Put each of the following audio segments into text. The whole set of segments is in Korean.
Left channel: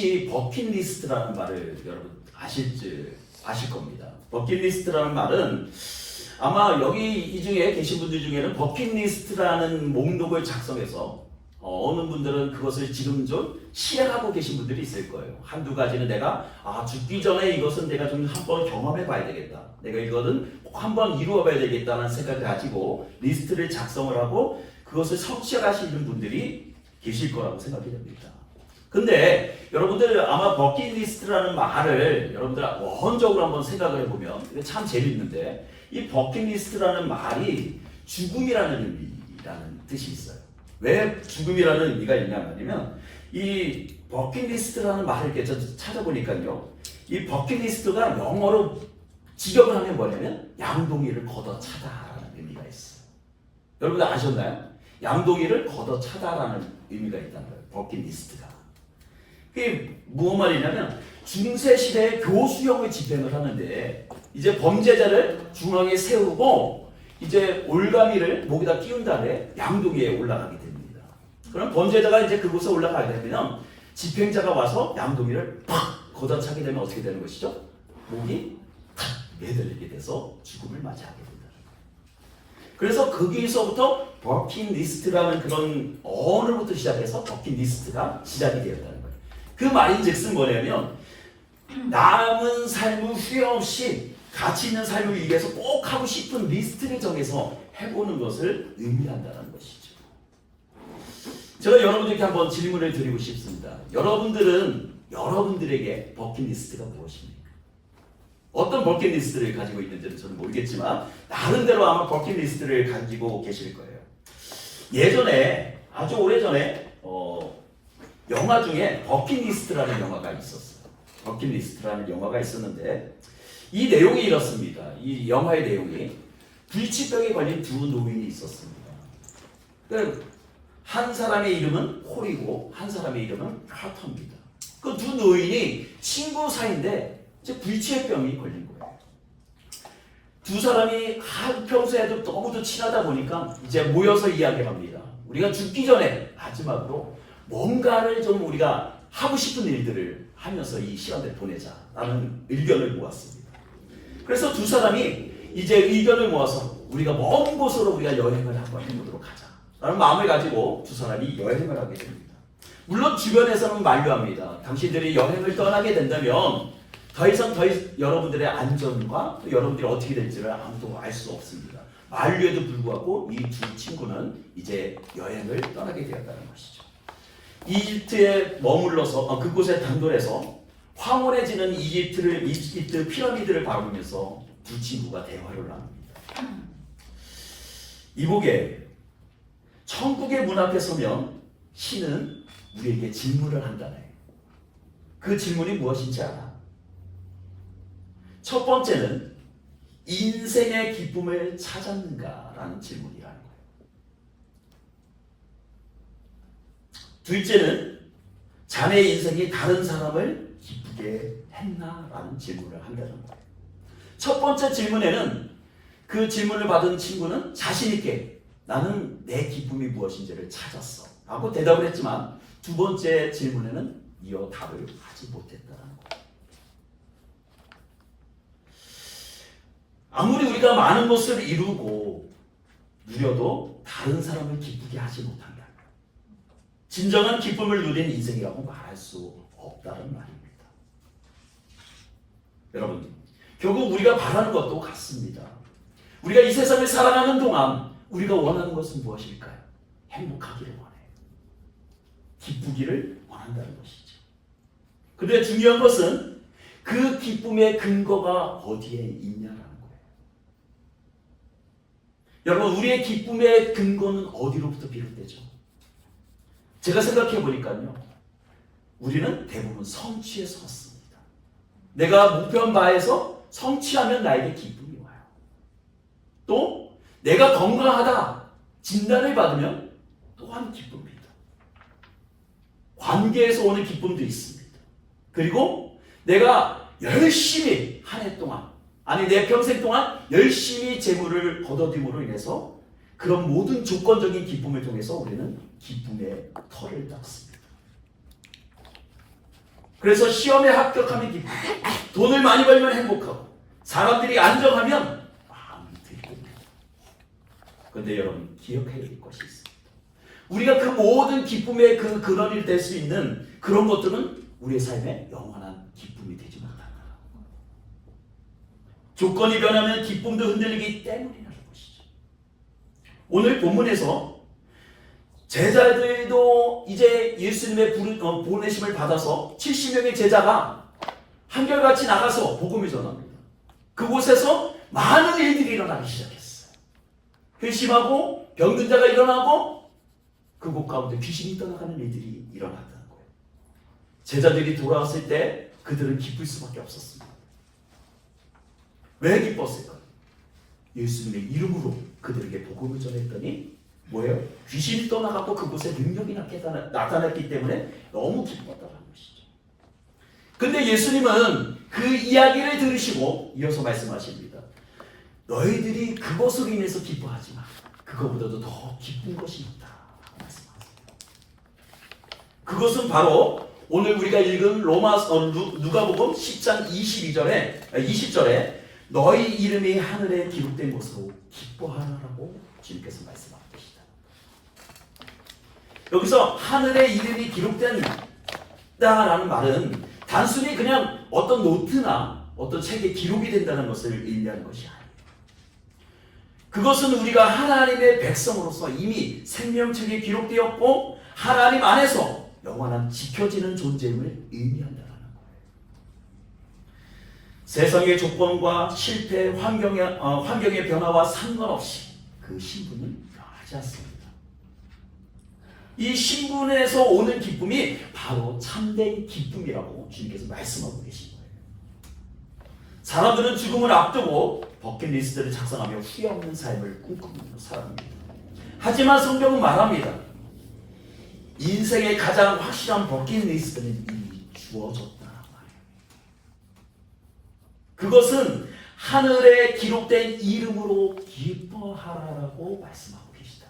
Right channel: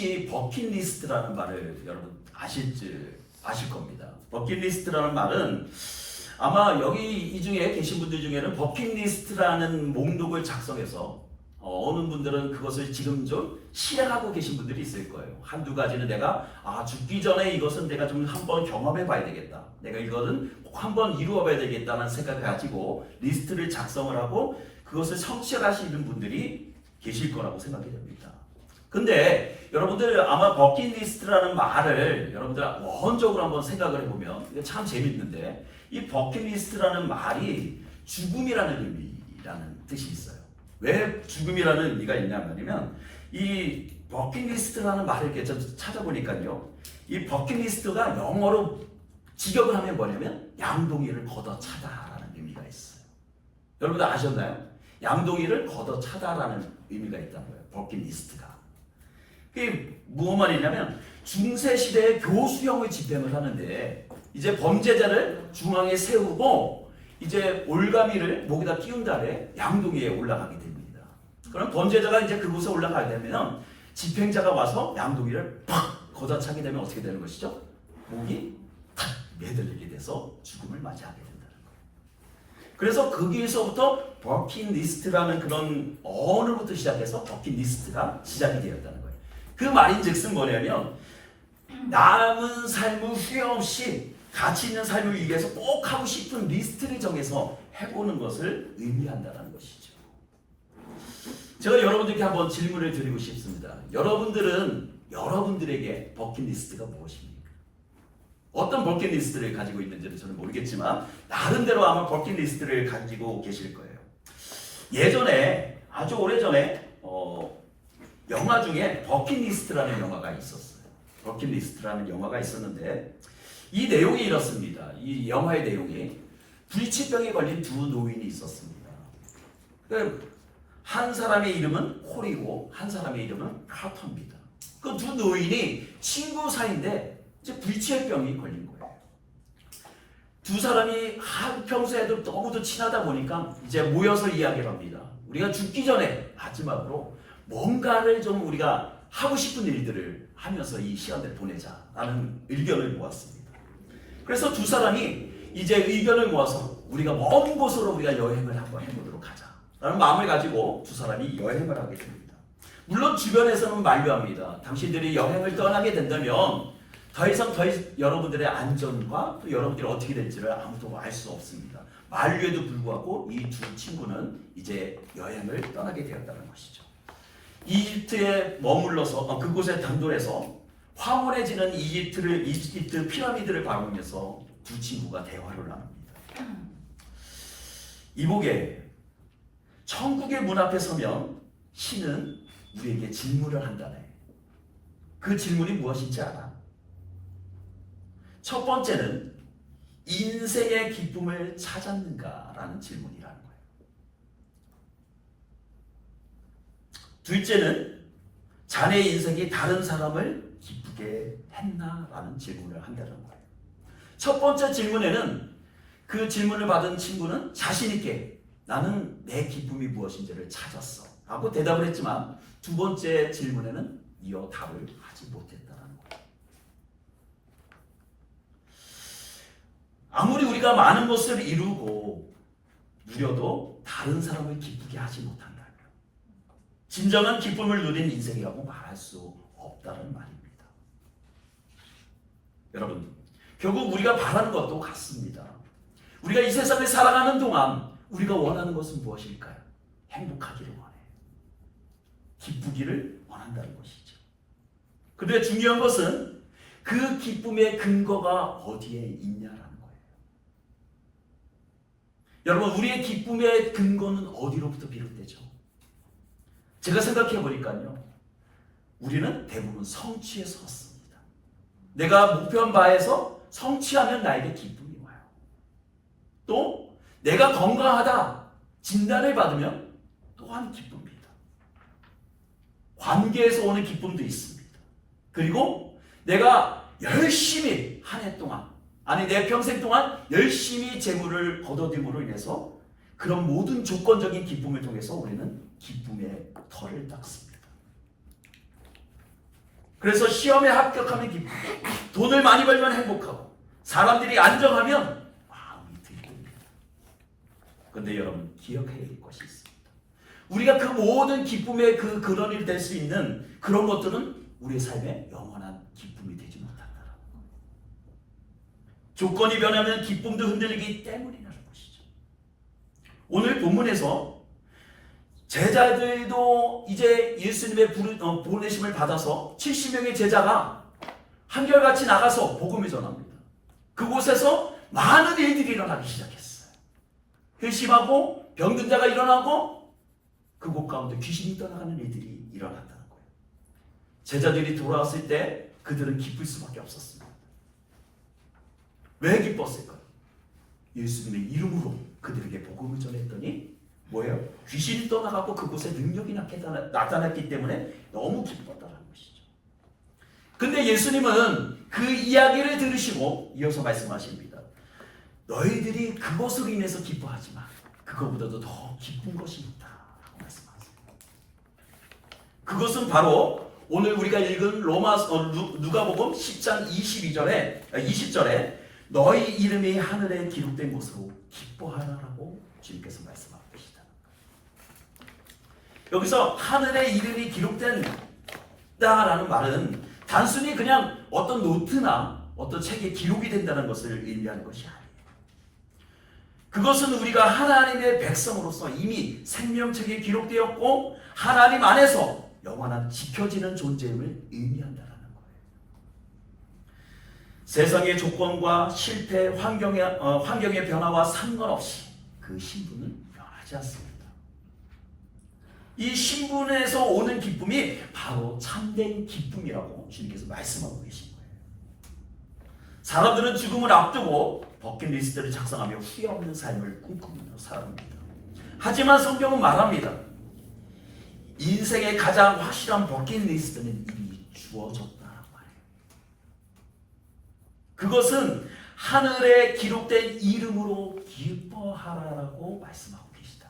혹시 버킷리스트라는 말을 여러분 아실 겁니다. 버킷리스트라는 말은 아마 여기 이 중에 계신 분들 중에는 버킷리스트라는 목록을 작성해서 어느 분들은 그것을 지금 좀 실행하고 계신 분들이 있을 거예요. 한두 가지는 내가 죽기 전에 이것은 내가 좀 한번 경험해 봐야 되겠다. 내가 이거는 꼭 한번 이루어 봐야 되겠다는 생각을 가지고 리스트를 작성을 하고 그것을 성취하시는 분들이 계실 거라고 생각이 됩니다. 근데 여러분들 아마 버킷리스트라는 말을 여러분들 원적으로 한번 생각을 해보면 이거 참 재밌는데 이 버킷리스트라는 말이 죽음이라는 의미라는 뜻이 있어요. 왜 죽음이라는 의미가 있냐면 이 버킷리스트라는 말을 이렇게 찾아보니까요. 이 버킷리스트가 영어로 직역을 하면 뭐냐면 양동이를 걷어차다라는 의미가 있어요. 여러분들 아셨나요? 양동이를 걷어차다라는 의미가 있다는 거예요. 버킷리스트가. 그게 무슨 말이냐면 중세시대의 교수형의 집행을 하는데 이제 범죄자를 중앙에 세우고 이제 올가미를 목에다 끼운 다음에 양동이에 올라가게 됩니다. 그럼 범죄자가 이제 그곳에 올라가게 되면 집행자가 와서 양동이를 팍 걷어차게 되면 어떻게 되는 것이죠? 목이 탁 매달리게 돼서 죽음을 맞이하게 된다는 거예요. 그래서 거기에서부터 버킷리스트라는 그런 언어부터 시작해서 버킷리스트가 시작이 되었다는 거예요. 그 말인즉슨 뭐냐면 남은 삶을 후회 없이 가치 있는 삶을 위해서 꼭 하고 싶은 리스트를 정해서 해보는 것을 의미한다는 것이죠. 제가 여러분들께 한번 질문을 드리고 싶습니다. 여러분들에게 버킷리스트가 무엇입니까? 어떤 버킷리스트를 가지고 있는지는 저는 모르겠지만 나름대로 아마 버킷리스트를 가지고 계실 거예요. 예전에 아주 오래전에 영화 중에 버킷리스트라는 영화가 있었어요. 버킷리스트라는 영화가 있었는데 이 내용이 이렇습니다. 이 영화의 내용이 불치병에 걸린 두 노인이 있었습니다. 한 사람의 이름은 콜이고 한 사람의 이름은 카터입니다. 그 두 노인이 친구 사이인데 이제 불치병이 걸린 거예요. 두 사람이 평소에도 너무도 친하다 보니까 이제 모여서 이야기를 합니다. 우리가 죽기 전에 마지막으로 뭔가를 좀 우리가 하고 싶은 일들을 하면서 이 시간을 보내자라는 의견을 모았습니다. 그래서 두 사람이 이제 의견을 모아서 우리가 먼 곳으로 우리가 여행을 한번 해보도록 하자라는 마음을 가지고 두 사람이 여행을 하게 됩니다. 물론 주변에서는 만류합니다. 당신들이 여행을 떠나게 된다면 더 이상 여러분들의 안전과 또 여러분들이 어떻게 될지를 아무도 알 수 없습니다. 만류에도 불구하고 이 두 친구는 이제 여행을 떠나게 되었다는 것이죠. 이집트에 머물러서 그곳에 단돌해서 황홀해지는 이집트 피라미드를 바라보면서 두 친구가 대화를 합니다. 이보게 천국의 문 앞에 서면 신은 우리에게 질문을 한다네. 그 질문이 무엇인지 알아? 첫 번째는 인생의 기쁨을 찾았는가라는 질문이라는 거예요. 둘째는 자네의 인생이 다른 사람을 기쁘게 했나라는 질문을 한다는 거예요. 첫 번째 질문에는 그 질문을 받은 친구는 자신 있게 나는 내 기쁨이 무엇인지를 찾았어 라고 대답을 했지만 두 번째 질문에는 이어 답을 하지 못했다는 거예요. 아무리 우리가 많은 것을 이루고 누려도 다른 사람을 기쁘게 하지 못한다. 진정한 기쁨을 누린 인생이라고 말할 수 없다는 말입니다. 여러분, 결국 우리가 바라는 것도 같습니다. 우리가 이 세상을 살아가는 동안 우리가 원하는 것은 무엇일까요? 행복하기를 원해요. 기쁘기를 원한다는 것이죠. 그런데 중요한 것은 그 기쁨의 근거가 어디에 있냐라는 거예요. 여러분, 우리의 기쁨의 근거는 어디로부터 비롯되죠? 제가 생각해 보니까요, 우리는 대부분 성취에서 왔습니다. 내가 목표한 바에서 성취하면 나에게 기쁨이 와요. 또 내가 건강하다 진단을 받으면 또한 기쁨입니다. 관계에서 오는 기쁨도 있습니다. 그리고 내가 열심히 한 해 동안, 아니 내 평생 동안 열심히 재물을 거둬들임으로 인해서 그런 모든 조건적인 기쁨을 통해서 우리는 기쁨의 털을 닦습니다. 그래서 시험에 합격하면 기쁘고, 돈을 많이 벌면 행복하고, 사람들이 안정하면 마음이 들립니다. 그런데 여러분 기억해야 될 것이 있습니다. 우리가 그 모든 기쁨의 그 근원이 될 수 있는 그런 것들은 우리의 삶에 영원한 기쁨이 되지 못한다. 조건이 변하면 기쁨도 흔들리기 때문이라는 것이죠. 오늘 본문에서 제자들도 이제 예수님의 보내심을 받아서 70명의 제자가 한결같이 나가서 복음을 전합니다. 그곳에서 많은 일들이 일어나기 시작했어요. 회심하고 병든 자가 일어나고 그곳 가운데 귀신이 떠나가는 일들이 일어났다는 거예요. 제자들이 돌아왔을 때 그들은 기쁠 수밖에 없었습니다. 왜 기뻤을까요? 예수님의 이름으로 그들에게 복음을 전했더니 뭐예요? 귀신이 떠나가고 그곳에 능력이 나타났기 때문에 너무 기뻤다는 것이죠. 근데 예수님은 그 이야기를 들으시고 이어서 말씀하십니다. 너희들이 그것으로 인해서 기뻐하지 마. 그것보다도 더 기쁜 것이 있다. 라고 말씀하세요. 그것은 바로 오늘 우리가 읽은 누가복음 10장 20절에 너희 이름이 하늘에 기록된 것으로 기뻐하라고 주님께서 말씀하고 계시다. 여기서 하늘에 이름이 기록된다라는 말은 단순히 그냥 어떤 노트나 어떤 책에 기록이 된다는 것을 의미하는 것이 아니에요. 그것은 우리가 하나님의 백성으로서 이미 생명책에 기록되었고 하나님 안에서 영원한 지켜지는 존재임을 의미한다는 거예요. 세상의 조건과 실패, 환경의 변화와 상관없이 그 신분은 변하지 않습니다. 이 신분에서 오는 기쁨이 바로 참된 기쁨이라고 주님께서 말씀하고 계신 거예요. 사람들은 죽음을 앞두고 버킷리스트를 작성하며 후회 없는 삶을 꿈꾸는 사람입니다. 하지만 성경은 말합니다. 인생의 가장 확실한 버킷리스트는 이미 주어졌다라고 말해요. 그것은 하늘에 기록된 이름으로 기뻐하라라고 말씀하고 계시다.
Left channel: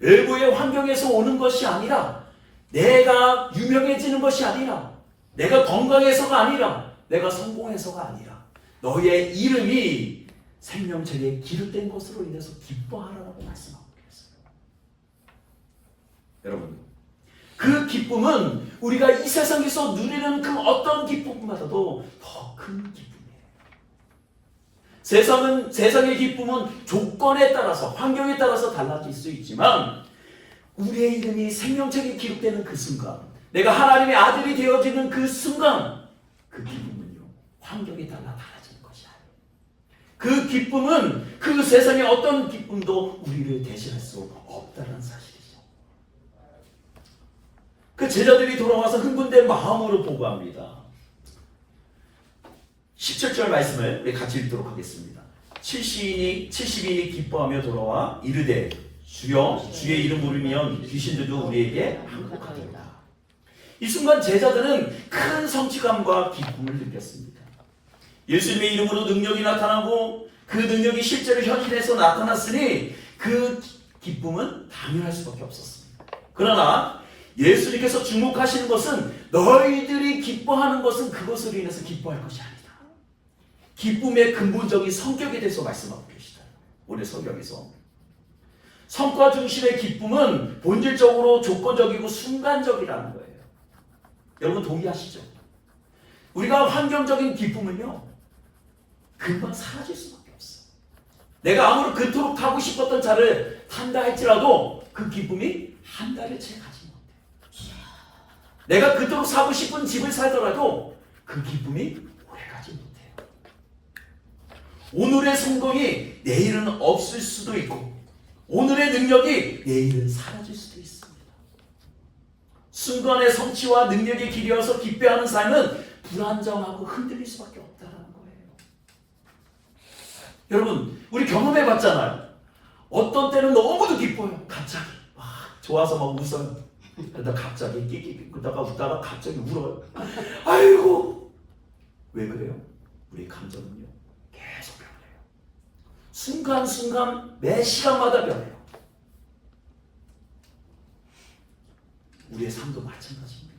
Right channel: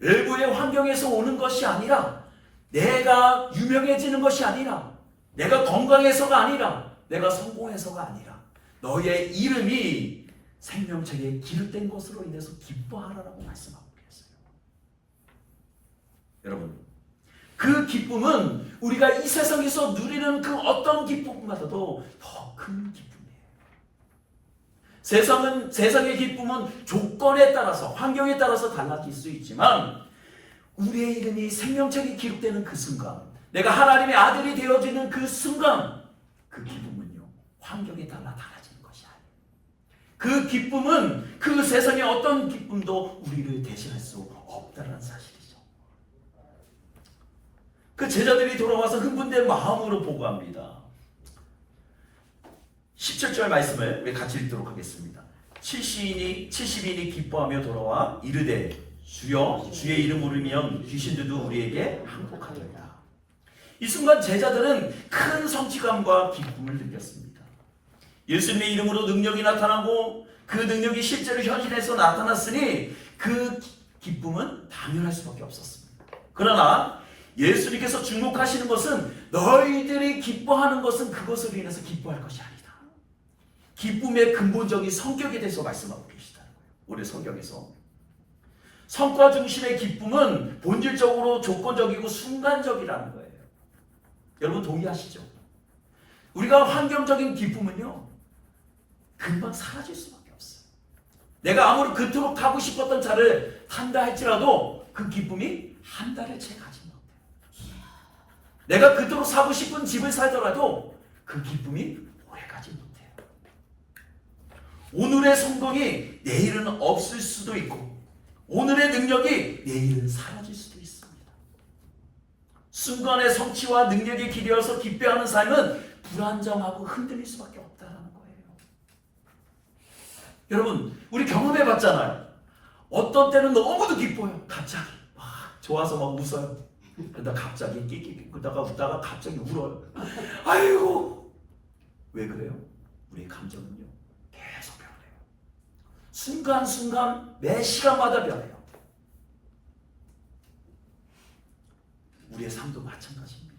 외부의 환경에서 오는 것이 아니라, 내가 유명해지는 것이 아니라, 내가 건강해서가 아니라, 내가 성공해서가 아니라, 너의 이름이 생명책에 기록된 것으로 인해서 기뻐하라라고 말씀하고 계세요. 여러분, 그 기쁨은 우리가 이 세상에서 누리는 그 어떤 기쁨보다도 더 큰 기쁨이에요. 세상의 기쁨은 조건에 따라서, 환경에 따라서 달라질 수 있지만 우리의 이름이 생명책에 기록되는 그 순간, 내가 하나님의 아들이 되어지는 그 순간, 그 기쁨은요, 환경에 따라 달라지는 것이 아니에요. 그 기쁨은 그 세상의 어떤 기쁨도 우리를 대신할 수 없다는 사실이죠. 그 제자들이 돌아와서 흥분된 마음으로 보고합니다. 17절 말씀을 우리 같이 읽도록 하겠습니다. 70인이 기뻐하며 돌아와 이르되 주여 주의 이름 부르면 귀신들도 우리에게 항복하리이다. 이 순간 제자들은 큰 성취감과 기쁨을 느꼈습니다. 예수님의 이름으로 능력이 나타나고 그 능력이 실제로 현실에서 나타났으니 그 기쁨은 당연할 수밖에 없었습니다. 그러나 예수님께서 주목하시는 것은 너희들이 기뻐하는 것은 그것으로 인해서 기뻐할 것이 아니다. 기쁨의 근본적인 성격에 대해서 말씀하고 계시다. 우리 성경에서 성과 중심의 기쁨은 본질적으로 조건적이고 순간적이라는 거예요. 여러분 동의하시죠? 우리가 환경적인 기쁨은요, 금방 사라질 수밖에 없어요. 내가 아무리 그토록 타고 싶었던 차를 탄다 할지라도 그 기쁨이 한 달을 채 가지 못해요. 내가 그토록 사고 싶은 집을 살더라도 그 기쁨이 오래 가지 못해요. 오늘의 성공이 내일은 없을 수도 있고, 오늘의 능력이 내일은 사라질 수도 있습니다. 순간의 성취와 능력이 길이어서 기뻐하는 삶은 불안정하고 흔들릴 수밖에 없다는 거예요. 여러분, 우리 경험해봤잖아요. 어떤 때는 너무도 기뻐요. 갑자기 막 좋아서 막 웃어요. 그러다 갑자기 끼끼끼 그러다가 웃다가 갑자기 울어요. 아이고, 왜 그래요? 우리 감정은요 계속 변해요. 순간순간 매 시간마다 변해요. 우리의 삶도 마찬가지입니다.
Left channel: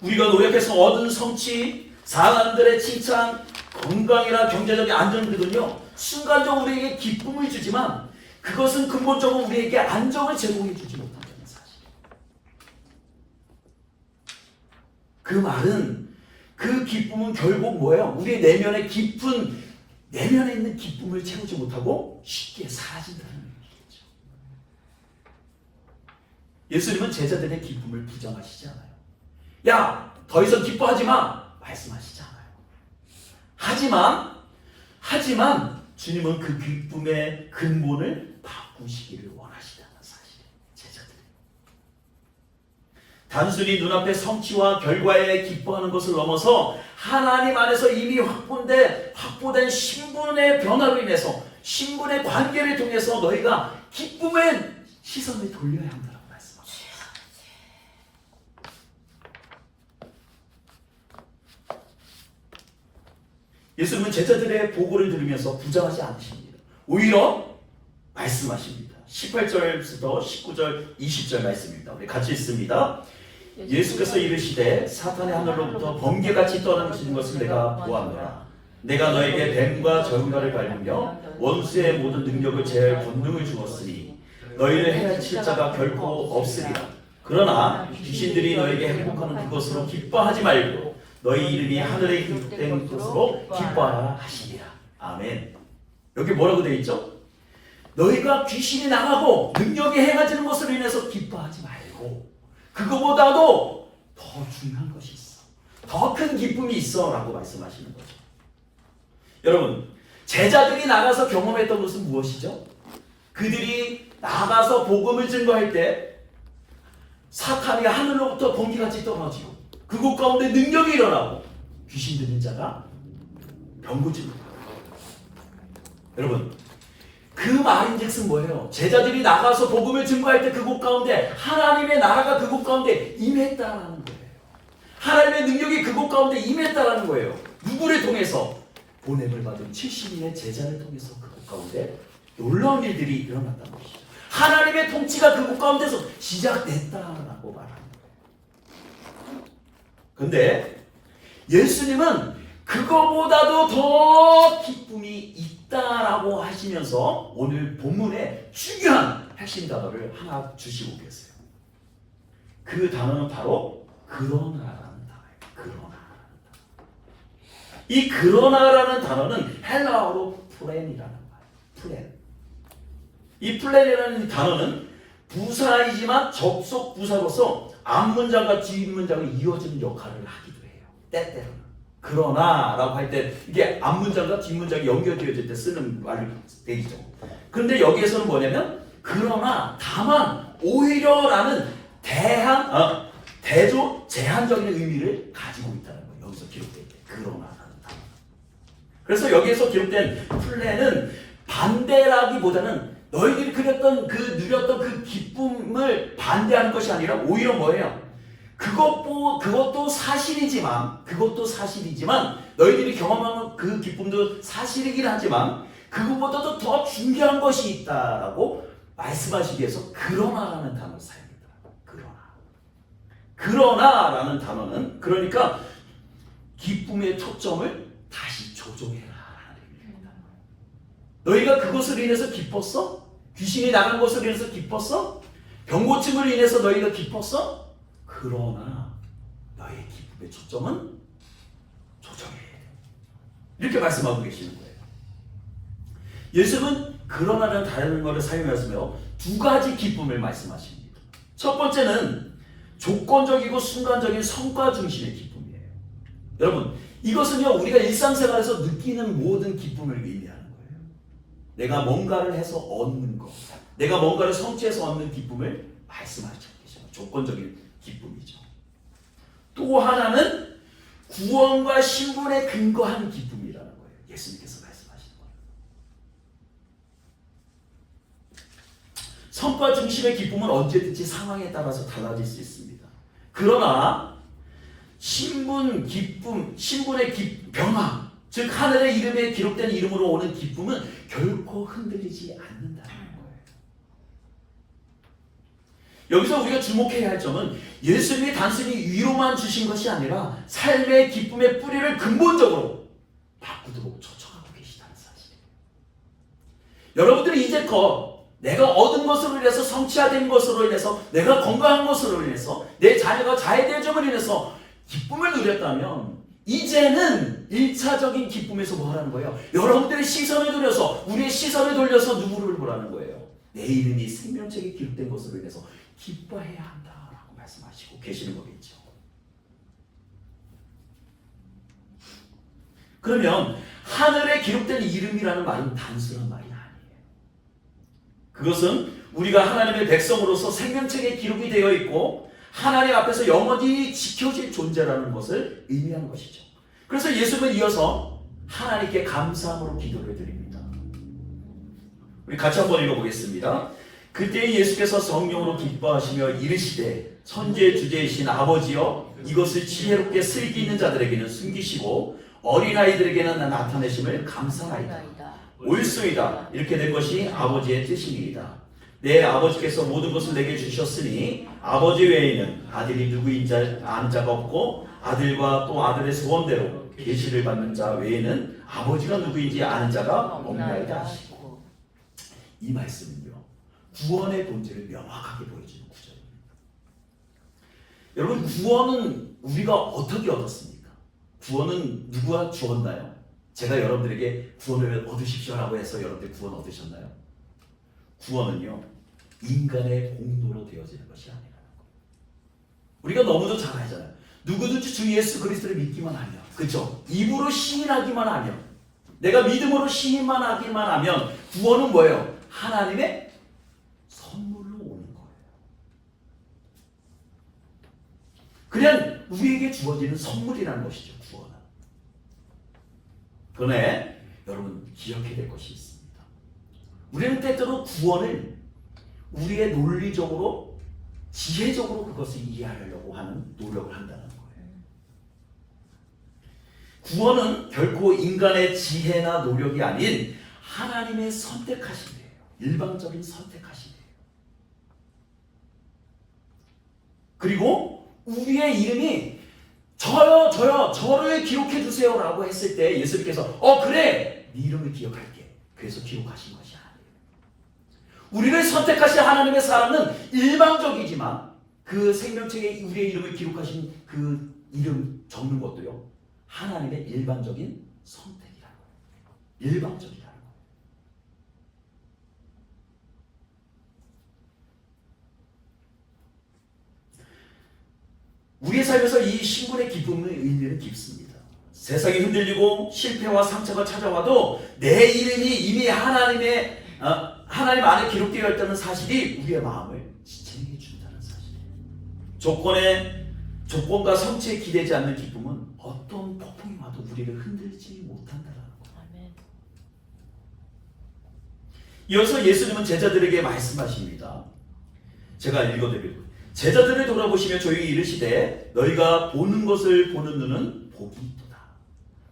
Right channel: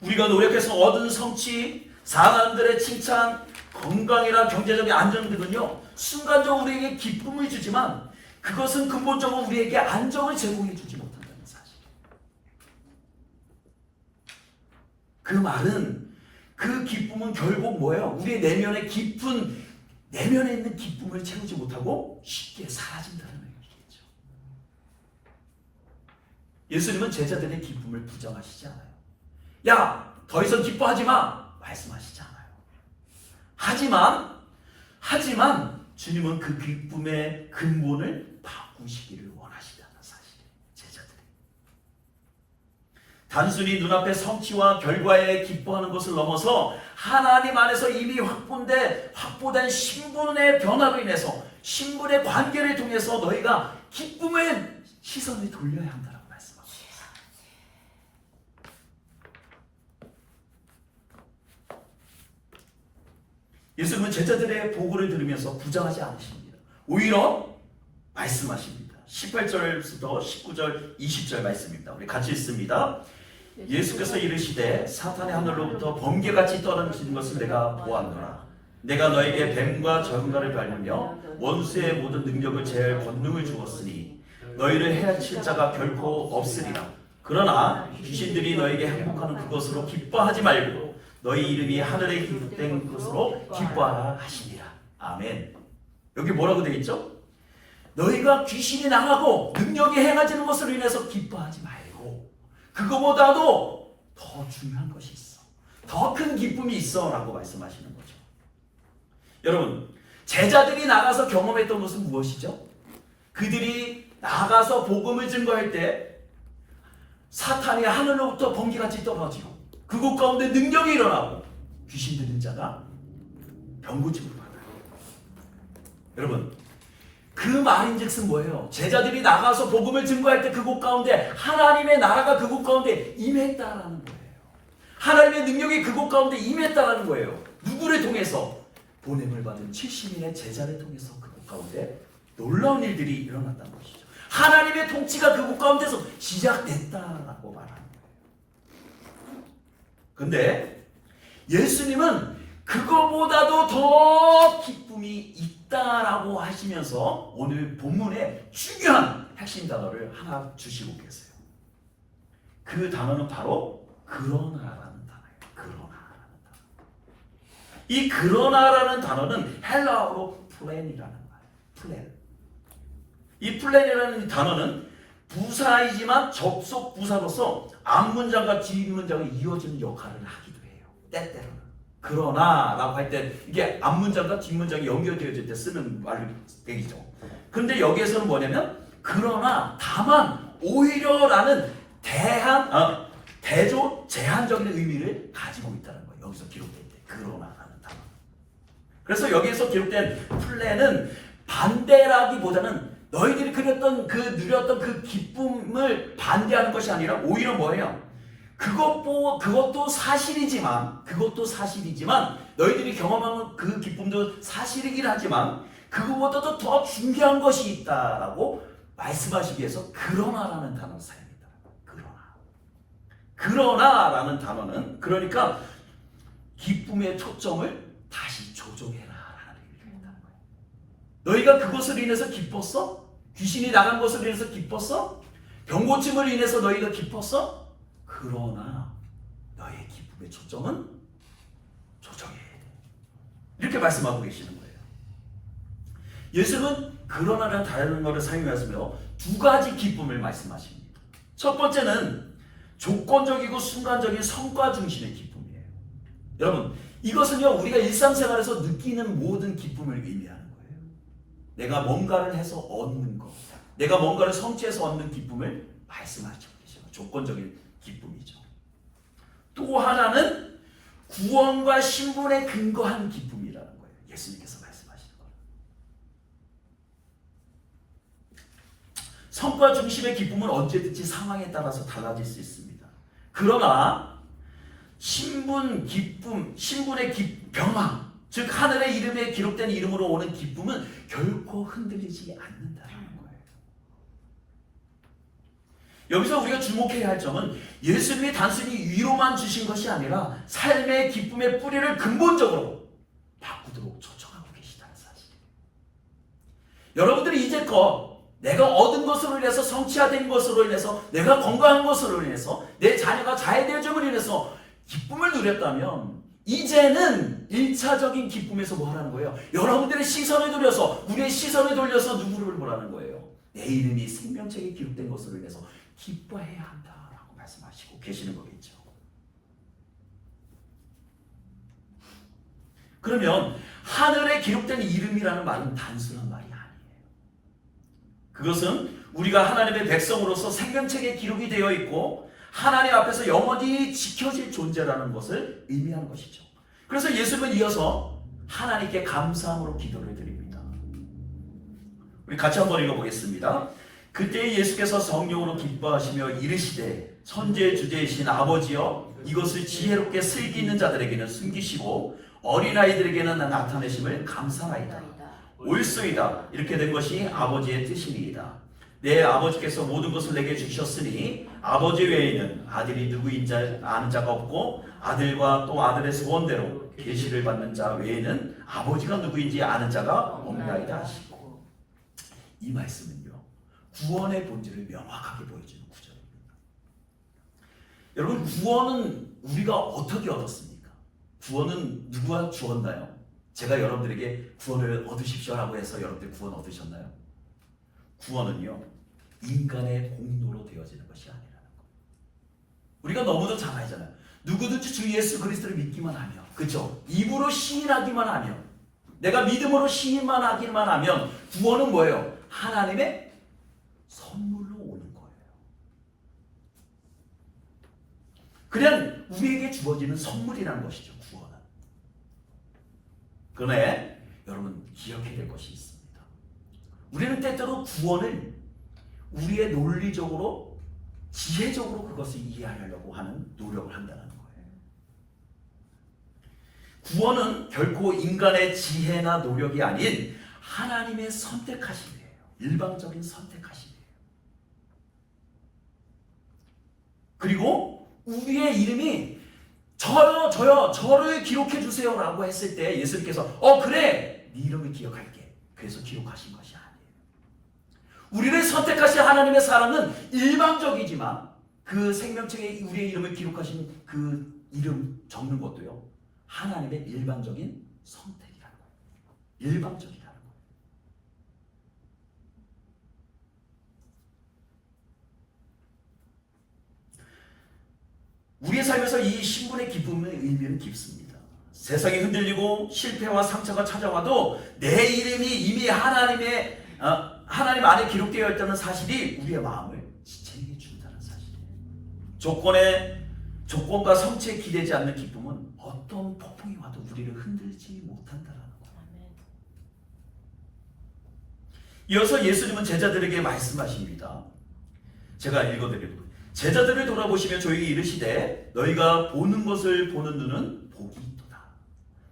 우리가 노력해서 얻은 성취, 사람들의 칭찬, 건강이나 경제적인 안정 등은요, 순간적으로 우리에게 기쁨을 주지만 그것은 근본적으로 우리에게 안정을 제공해 주지 못한다는 사실. 그 말은 그 기쁨은 결국 뭐예요? 우리의 내면의 깊은, 내면에 있는 기쁨을 채우지 못하고 쉽게 사라진다는 의미겠죠. 예수님은 제자들의 기쁨을 부정하시지 않아요. 야, 더 이상 기뻐하지 마! 말씀하시지 않아요. 하지만 주님은 그 기쁨의 근본을 바꾸시기를 원하시다는 사실이에요. 제자들이. 단순히 눈앞의 성취와 결과에 기뻐하는 것을 넘어서 하나님 안에서 이미 확보된 신분의 변화로 인해서 신분의 관계를 통해서 너희가 기쁨의 시선을 돌려야 한다고 말씀합니다. 예수님은 제자들의 보고를 들으면서 부정하지 않으십니다. 오히려 말씀하십니다. 18절부터 19절, 20절 말씀입니다. 우리 같이 읽습니다. 예수께서 이르시되 사탄의 하늘로부터 번개같이 떨어지는 것을 내가 보았노라. 내가 너에게 뱀과 전갈을 밟으며 원수의 모든 능력을 제할 권능을 주었으니 너희를 해칠 자가 결코 없으리라. 그러나 귀신들이 너에게 행복하는 그것으로 기뻐하지 말고 너희 이름이 하늘에 기록된 것으로 기뻐하라 하시니라. 아멘. 여기 뭐라고 되어 있죠? 너희가 귀신이 나가고 능력이 행해지는 것으로 인해서 기뻐하지 말고 그거보다도 더 중요한 것이 있어. 더 큰 기쁨이 있어 라고 말씀하시는 거죠. 여러분, 제자들이 나가서 경험했던 것은 무엇이죠? 그들이 나가서 복음을 증거할 때 사탄이 하늘로부터 번개같이 떨어지고 그곳 가운데 능력이 일어나고 귀신 들린 자가 병고침을 받아요. 여러분, 그 말인즉슨 뭐예요? 제자들이 나가서 복음을 증거할 때 그곳 가운데 하나님의 나라가 그곳 가운데 임했다라는 거예요. 하나님의 능력이 그곳 가운데 임했다라는 거예요. 누구를 통해서? 보냄을 받은 70인의 제자를 통해서 그곳 가운데 놀라운 일들이 일어났다는 것이죠. 하나님의 통치가 그곳 가운데서 시작됐다라고 말하는 거예요. 근데 예수님은 그거보다도 더 기쁨이 있다라고 하시면서 오늘 본문에 중요한 핵심 단어를 하나 주시고 계세요. 그 단어는 바로 그러나라는 단어예요. 그러나라는 단어. 이 그러나라는 단어는 헬라어로 플랜이라는 말이에요. 플랜. 이 플랜이라는 단어는 부사이지만 접속 부사로서 앞문장과 뒷문장이 이어지는 역할을 하기도 해요. 때때로는. 그러나라고 할 때 이게 앞문장과 뒷문장이 연결되어질 때 쓰는 말이죠. 그런데 여기에서는 뭐냐면 그러나, 다만, 오히려라는 대조, 제한적인 의미를 가지고 있다는 거예요. 여기서 기록될 때 그러나라는 단어. 그래서 여기에서 기록된 플랜은 반대라기보다는 너희들이 누렸던 그 기쁨을 반대하는 것이 아니라 오히려 뭐예요? 그것도 사실이지만 너희들이 경험하는 그 기쁨도 사실이긴 하지만 그것보다도 더 중요한 것이 있다라고 말씀하시기 위해서 그러나라는 단어를 사용합니다. 그러나라는 단어는 그러니까 기쁨의 초점을 다시 조정해라라는 의미가 있다는 거예요. 너희가 그것으로 인해서 기뻤어? 귀신이 나간 것으로 인해서 기뻤어? 병고침으로 인해서 너희가 기뻤어? 그러나 너의 기쁨의 초점은 조정해야 돼. 이렇게 말씀하고 계시는 거예요. 예수님은 그러나라는 다른 말을 사용하시며 두 가지 기쁨을 말씀하십니다. 첫 번째는 조건적이고 순간적인 성과 중심의 기쁨이에요. 여러분, 이것은요 우리가 일상생활에서 느끼는 모든 기쁨을 의미하는 거예요. 내가 뭔가를 해서 얻는 것, 내가 뭔가를 성취해서 얻는 기쁨을 말씀하시고 계시죠. 조건적인 기쁨이죠. 또 하나는 구원과 신분에 근거한 기쁨이라는 거예요. 예수님께서 말씀하시는 거예요. 성과 중심의 기쁨은 언제든지 상황에 따라서 달라질 수 있습니다. 그러나 신분의 변화, 즉 하늘의 이름에 기록된 이름으로 오는 기쁨은 결코 흔들리지 않는다는 거예요. 여기서 우리가 주목해야 할 점은 예수님이 단순히 위로만 주신 것이 아니라 삶의 기쁨의 뿌리를 근본적으로 바꾸도록 초청하고 계시다는 사실이에요. 여러분들이 이제껏 내가 얻은 것으로 인해서, 성취된 것으로 인해서, 내가 건강한 것으로 인해서, 내 자녀가 잘 될 점으로 인해서 기쁨을 누렸다면 이제는 1차적인 기쁨에서 뭐 하라는 거예요? 여러분들의 시선을 돌려서, 우리의 시선을 돌려서 누구를 보라는 거예요? 내 이름이 생명책에 기록된 것으로 인해서 기뻐해야 한다라고 말씀하시고 계시는 거겠죠. 그러면 하늘에 기록된 이름이라는 말은 단순한 말이 아니에요. 그것은 우리가 하나님의 백성으로서 생명책에 기록이 되어 있고 하나님 앞에서 영원히 지켜질 존재라는 것을 의미하는 것이죠. 그래서 예수님은 이어서 하나님께 감사함으로 기도를 드립니다. 우리 같이 한번 읽어보겠습니다. 그때 예수께서 성령으로 기뻐하시며 이르시되 천재 주제이신 아버지여 이것을 지혜롭게 슬기 있는 자들에게는 숨기시고 어린아이들에게는 나타내심을 감사하이다. 옳소이다. 이렇게 된 것이 아버지의 뜻이니이다. 내 아버지께서 모든 것을 내게 주셨으니 아버지 외에는 아들이 누구인지 아는 자가 없고 아들과 또 아들의 소원대로 계시를 받는 자 외에는 아버지가 누구인지 아는 자가 없나이다 하시고, 이 말씀은요 구원의 본질을 명확하게 보여주는 구절입니다. 여러분, 구원은 우리가 어떻게 얻었습니까? 구원은 누가 주었나요? 제가 여러분들에게 구원을 얻으십시오라고 해서 여러분들 구원 얻으셨나요? 구원은요 인간의 공로로 되어지는 것이 아니라는 거예요. 우리가 너무도 잘 알잖아요. 누구든지 주 예수 그리스도를 믿기만 하면, 그렇죠? 입으로 시인하기만 하면, 내가 믿음으로 시인만 하기만 하면 구원은 뭐예요? 하나님의 선물로 오는 거예요. 그냥 우리에게 주어지는 선물이라는 것이죠, 구원은. 그러나 여러분 기억해야 될 것이 있습니다. 우리는 때때로 구원을 우리의 논리적으로, 지혜적으로 그것을 이해하려고 하는 노력을 한다는 거예요. 구원은 결코 인간의 지혜나 노력이 아닌 하나님의 선택하심이에요. 일방적인 선택하심이에요. 그리고 우리의 이름이 저를 기록해 주세요 라고 했을 때 예수님께서 그래, 네 이름을 기억할게. 그래서 기록하신 것이 아니에요. 우리를 선택하신 하나님의 사랑은 일방적이지만 그 생명책에 우리의 이름을 기록하신 그 이름 적는 것도요 하나님의 일방적인 선택이라는 거예요. 일방적이라는 거예요. 우리의 삶에서 이 신분의 기쁨의 의미는 깊습니다. 세상이 흔들리고 실패와 상처가 찾아와도 내 이름이 이미 하나님 안에 기록되어 있다는 사실이 우리의 마음을 지체하게 준다는 사실이에요. 조건과 성취에 기대지 않는 기쁨은 어떤 폭풍이 와도 우리를 흔들지 못한다는 거예요. 이어서 예수님은 제자들에게 말씀하십니다. 제가 읽어드릴게요. 제자들을 돌아보시며 조용히 이르시되 너희가 보는 것을 보는 눈은 복이 있도다.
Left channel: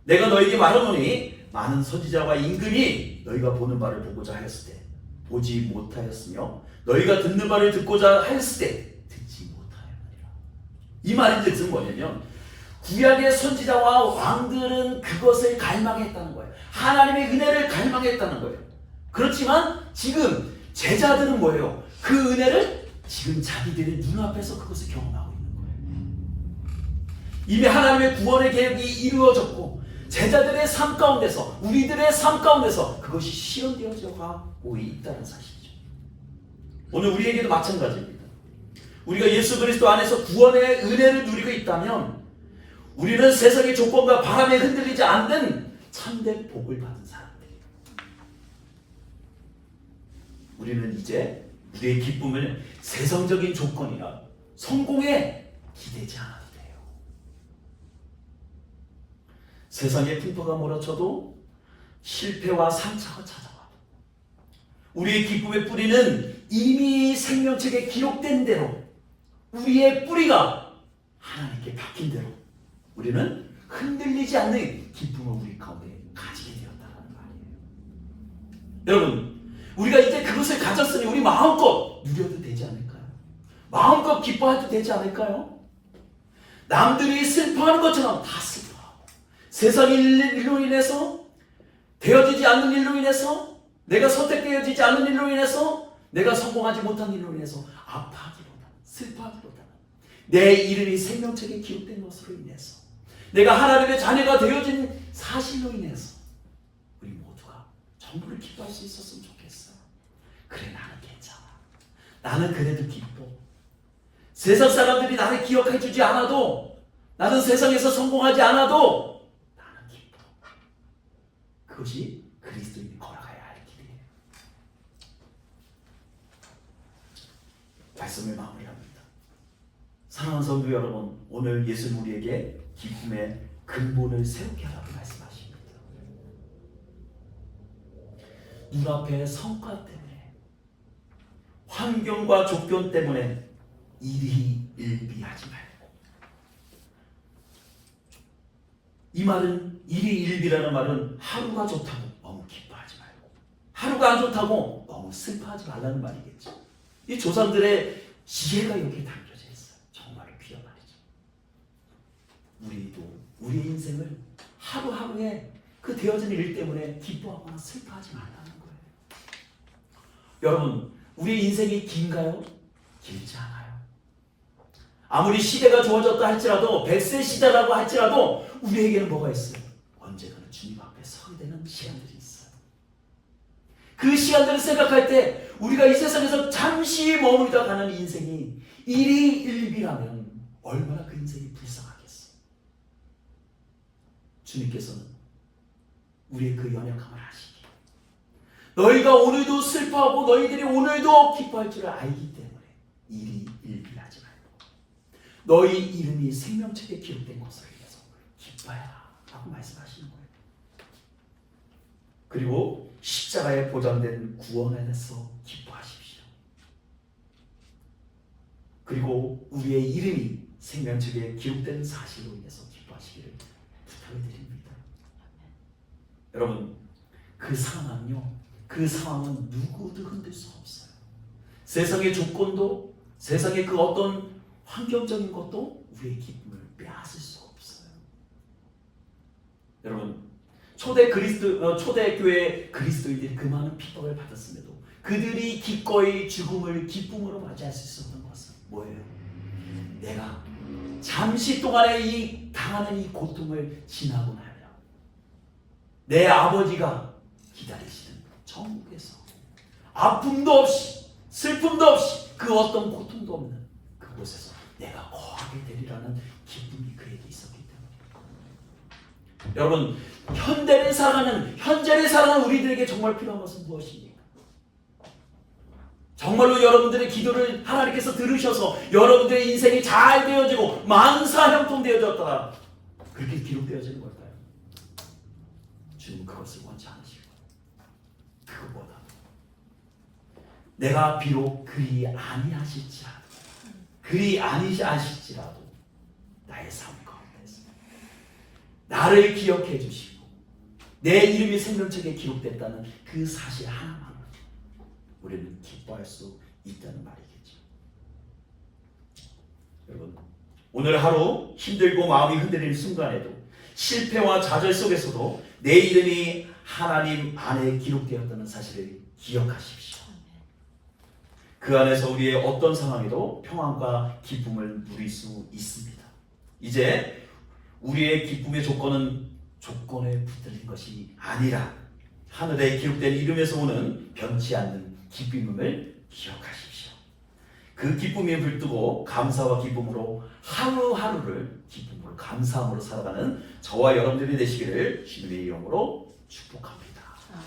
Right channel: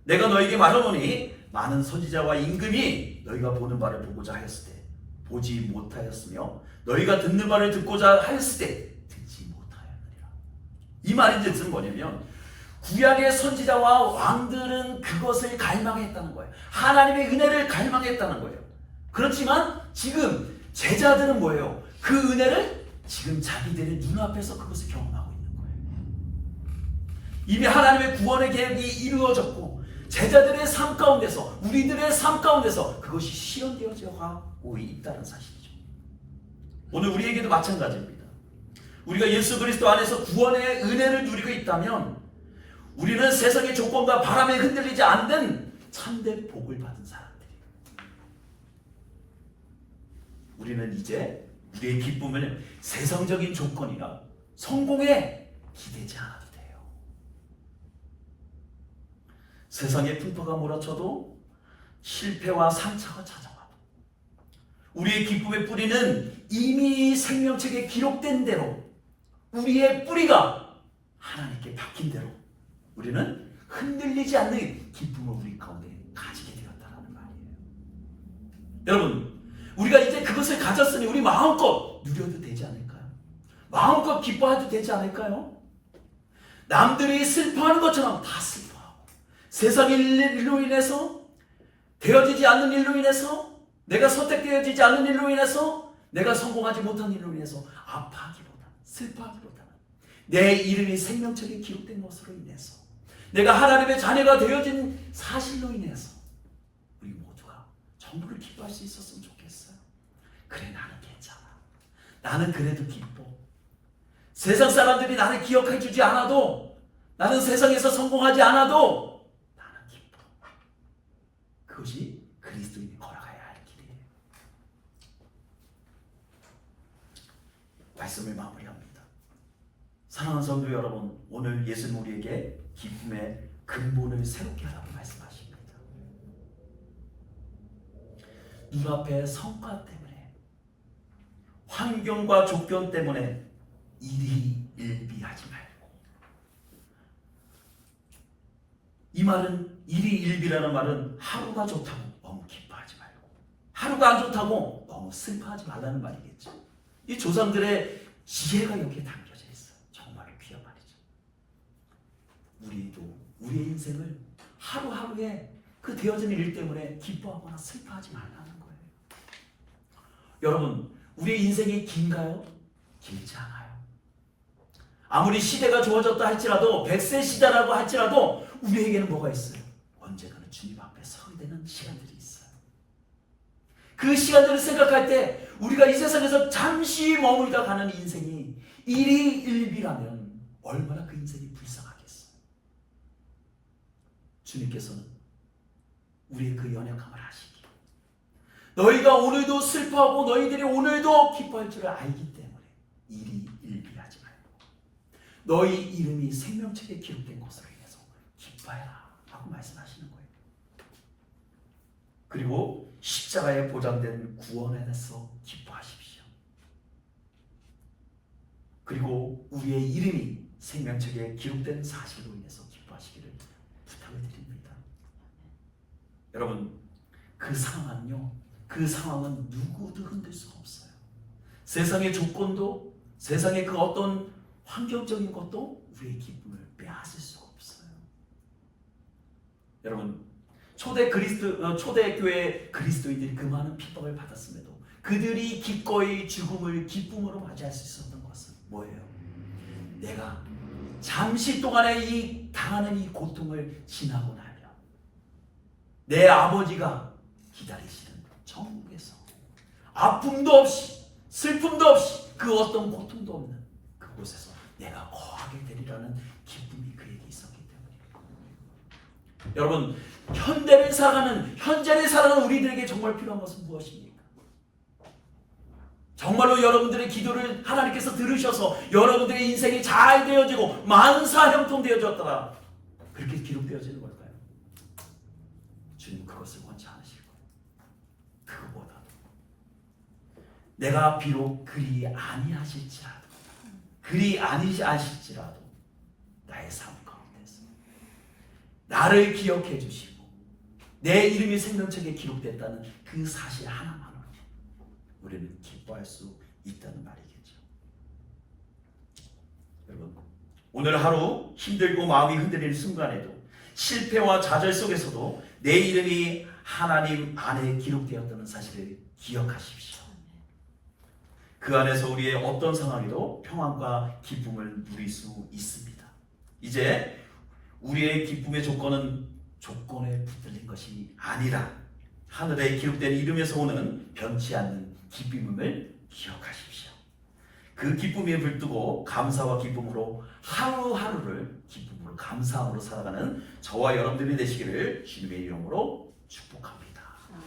내가 너희에게 말하노니 많은 선지자와 임금이 너희가 보는 바를 보고자 하였을 때 보지 못하였으며 너희가 듣는 바를 듣고자 하였을 때 듣지 못하였느니라. 이 말의 뜻은 뭐냐면 구약의 선지자와 왕들은 그것을 갈망했다는 거예요. 하나님의 은혜를 갈망했다는 거예요. 그렇지만 지금 제자들은 뭐예요? 그 은혜를 지금 자기들의 눈앞에서 그것을 경험하고 있는 거예요. 이미 하나님의 구원의 계획이 이루어졌고 제자들의 삶 가운데서, 우리들의 삶 가운데서 그것이 실현되어져 가고 있다는 사실이죠. 오늘 우리에게도 마찬가지입니다. 우리가 예수 그리스도 안에서 구원의 은혜를 누리고 있다면 우리는 세상의 조건과 바람에 흔들리지 않는 참된 복을 받은 사람들이에요. 우리는 이제 우리의 기쁨을 세상적인 조건이나 성공에 기대지 않아도 돼요. 세상의 풍파가 몰아쳐도 실패와 상처가 찾아와도 우리의 기쁨의 뿌리는 이미 생명책에 기록된 대로, 우리의 뿌리가 하나님께 박힌 대로 우리는 흔들리지 않는 기쁨을 우리 가운데 가지게 되었다는 말이에요. 여러분, 우리가 이제 그것을 가졌으니 우리 마음껏 누려도 되지 않을까요? 마음껏 기뻐해도 되지 않을까요? 남들이 슬퍼하는 것처럼 다 슬퍼하고 세상의 일로 인해서 되어지지 않는 일로 인해서 내가 선택되어지지 않는 일로 인해서 내가 성공하지 못한 일로 인해서 아파하기보다 슬퍼하기보다는 내 이름이 생명책에 기록된 것으로 인해서 내가 하나님의 자녀가 되어진 사실로 인해서 우리 모두가 전부를 기뻐할 수 있었으면 좋겠어요. 그래, 나는 괜찮아. 나는 그래도 기뻐. 세상 사람들이 나를 기억해 주지 않아도, 나는 세상에서 성공하지 않아도 나는 기뻐. 그것이 그리스도인이 걸어가야 할 길이에요. 말씀을 마무리합니다. 사랑하는 성도 여러분, 오늘 예수님 우리에게 기쁨의 근본을 새롭게 하라고 말씀하십니다. 눈앞의 성과 때문에, 환경과 조건 때문에 일희일비하지 말고, 이 말은 일희일비라는 말은 하루가 좋다고 너무 기뻐하지 말고 하루가 안 좋다고 너무 슬퍼하지 말라는 말이겠죠. 이 조상들의 지혜가 여기에 담겨져 있어요. 정말 귀한 말이죠. 우리도 우리의 인생을 하루하루에 그 되어진 일 때문에 기뻐하거나 슬퍼하지 말라는 거예요. 여러분, 우리의 인생이 긴가요? 길지 않아요. 아무리 시대가 좋아졌다 할지라도, 100세 시대라고 할지라도 우리에게는 뭐가 있어요? 언젠가는 주님 앞에 서게 되는 시간들이 있어요. 그 시간들을 생각할 때 우리가 이 세상에서 잠시 머물다 가는 인생이 일희일비라면 얼마나 그 인생이 불쌍하겠어. 주님께서는 우리의 그 연약함을 아시기에 너희가 오늘도 슬퍼하고 너희들이 오늘도 기뻐할 줄을 알기 때문에 일희일비하지 말고 너희 이름이 생명책에 기록된 것으로 인해서 기뻐해라 하고 말씀하시는 거예요. 그리고 십자가에 보장된 구원에 대해서 기뻐하십시오. 그리고 우리의 이름이 생명책에 기록된 사실로 인해서 기뻐하시기를 부탁을 드립니다. 여러분, 그 상황은 누구도 흔들 수가 없어요. 세상의 조건도, 세상의 그 어떤 환경적인 것도 우리의 기쁨을 빼앗을 수가 없어요. 여러분, 초대교회 그리스도인들이 그 많은 핍박을 받았음에도 그들이 기꺼이 죽음을 기쁨으로 맞이할 수 있었던 것은 뭐예요? 내가 잠시 동안의 이 당하는 이 고통을 지나고 나면 내 아버지가 기다리시는 천국에서 아픔도 없이 슬픔도 없이 그 어떤 고통도 없는 그곳에서 내가 거하게 되리라는 기쁨이 그에게 있었기 때문에, 여러분, 현재를 살아가는 우리들에게 정말 필요한 것은 무엇입니까? 정말로 여러분들의 기도를 하나님께서 들으셔서 여러분들의 인생이 잘 되어지고 만사형통되어졌더라, 그렇게 기록되어지는 걸까요? 주님은 그것을 원치 않으시고, 그것보다 내가 비록 그리 아니하실지라도 나의 삶 가운데서 나를 기억해 주시고 내 이름이 생명책에 기록됐다는 그 사실 하나만으로 우리는 기뻐할 수 있다는 말이겠죠. 여러분, 오늘 하루 힘들고 마음이 흔들리는 순간에도, 실패와 좌절 속에서도 내 이름이 하나님 안에 기록되었다는 사실을 기억하십시오. 그 안에서 우리의 어떤 상황에도 평안과 기쁨을 누릴 수 있습니다. 이제 우리의 기쁨의 조건은 조건에 붙들린 것이 아니라 하늘에 기록된 이름에서 오는 변치 않는 기쁨임을 기억하십시오. 그 기쁨에 불뜨고 감사와 기쁨으로 하루하루를 기쁨으로 감사함으로 살아가는 저와 여러분들이 되시기를 주님의 이름으로 축복합니다.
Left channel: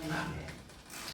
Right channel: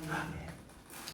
아멘.